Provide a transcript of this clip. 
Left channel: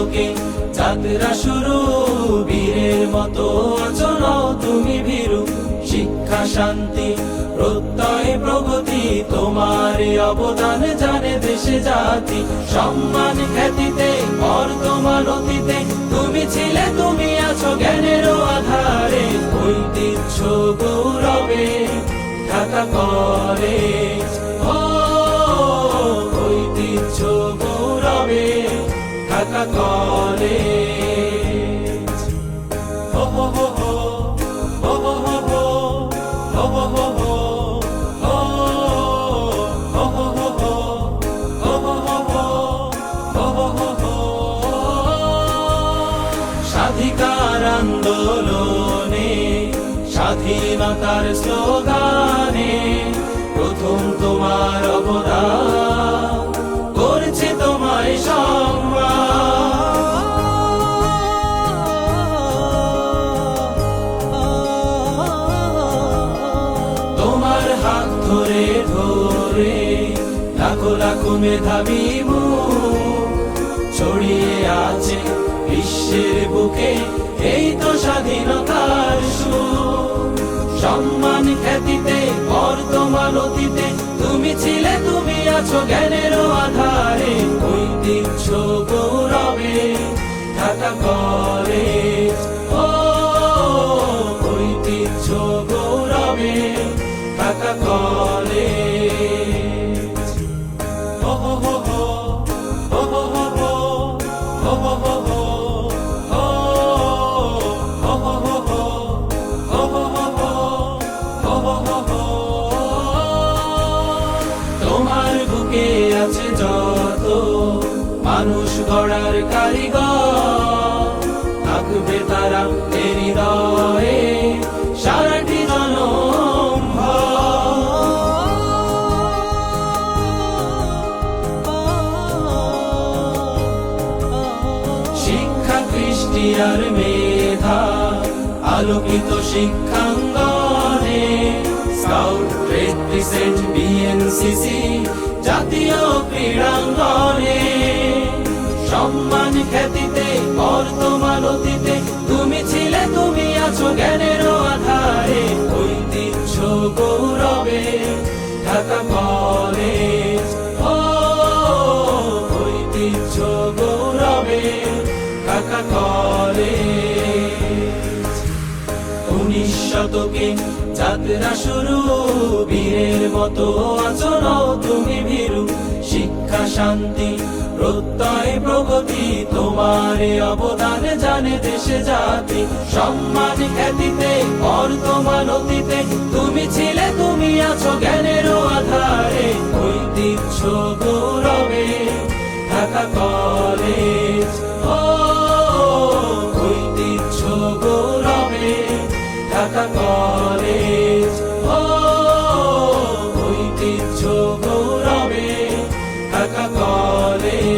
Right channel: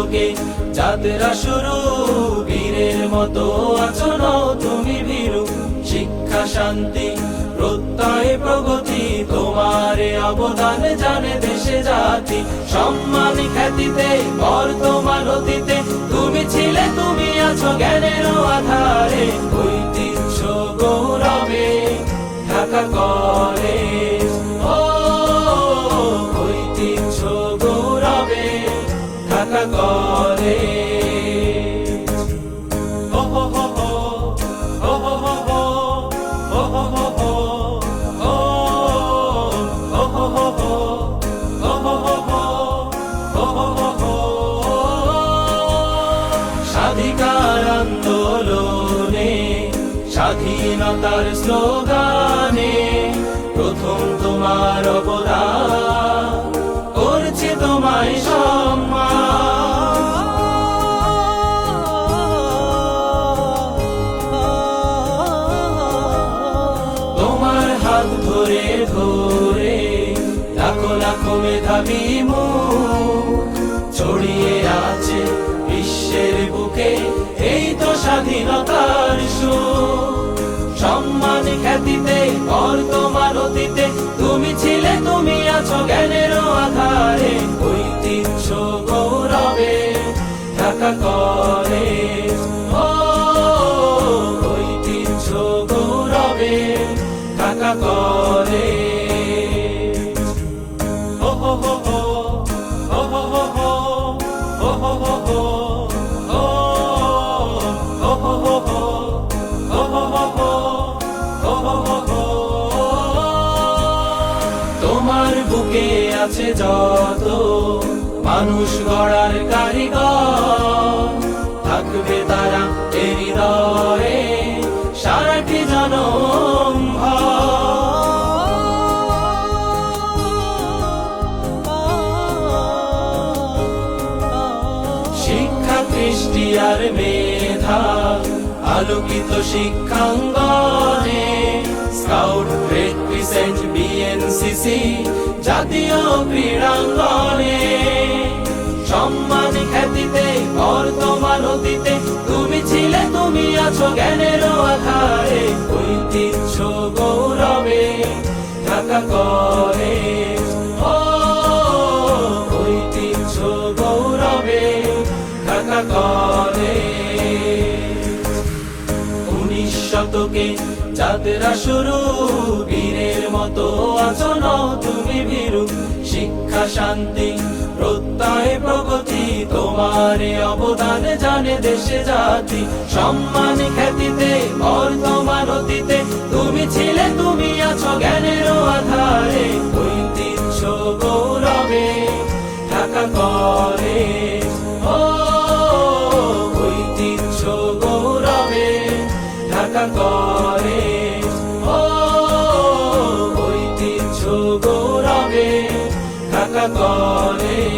শতকে যাত্রা শুরু, বীরের মতো আছো নও তুমি ভীরু। শিক্ষা শান্তি প্রত্যয় প্রগতি, তোমার অবদান জানে দেশে জাতি। সম্মান খ্যাতিতে বর্তমান অতীতে তুমি ছিলে, তুমি আছো জ্ঞানের আধারে। ঐতিহ্য গৌরবে ঢাকা কলেজ, ও ঐতিহ্য গৌরবে ঢাকা কলেজ। স্বাধিকার আন্দোলনে স্বাধীনতার স্লোগানে প্রথম তোমার অবদান, করেছে তোমায় সম্মান। তোমার হাত ধরে ধরে লাখো লাখো মেধাবী মুখ ছড়িয়ে আছে বিশ্বের বুকে, এই তো স্বাধীনতার সুর। সম্মান খ্যাতিতে বর্তমান অতীতে তুমি ছিলে, তুমি আছো জ্ঞানের আধারে। ঐতিহ্য গৌরবে ঢাকা কলেজ, ও ঐতিহ্য গৌরবে ঢাকা কলেজ। তোমার বুকে আছে যত মানুষ গড়ার কারিগর, থাকবে তারা এর হৃদয়ে সারাটি জনম ভর। শিক্ষা কৃষ্টি আর মেধা আলোকিত শিক্ষাঙ্গনে, স্কাউট গ্রেড ক্রিসেন্ট বিএনসিসি জাতীয় ক্রীড়াঙ্গনে। সম্মান খ্যাতিতে বর্তমান অতীতে তুমি ছিলে, তুমি আছো জ্ঞানের আধারে। ঐতিহ্য গৌরবে ঢাকা কলেজ, ও ঐতিহ্য গৌরবে ঢাকা কলেজ। 19 শতকে যাত্রা শুরু, বীরের মতো আছো নও তুমি ভীরু। শিক্ষা শান্তি প্রত্যয় প্রগতি, তোমার অবদান জানে দেশে জাতি। সম্মান খ্যাতিতে বর্তমান অতীতে তুমি ছিলে, তুমি আছো জ্ঞানের আধারে। ঐতিহ্য গৌরবে ঢাকা কলেজ, ও ঐতিহ্য গৌরবে ঢাকা কলেজ, ও ঐতিহ্য গৌরবে ঢাকা কলেজ।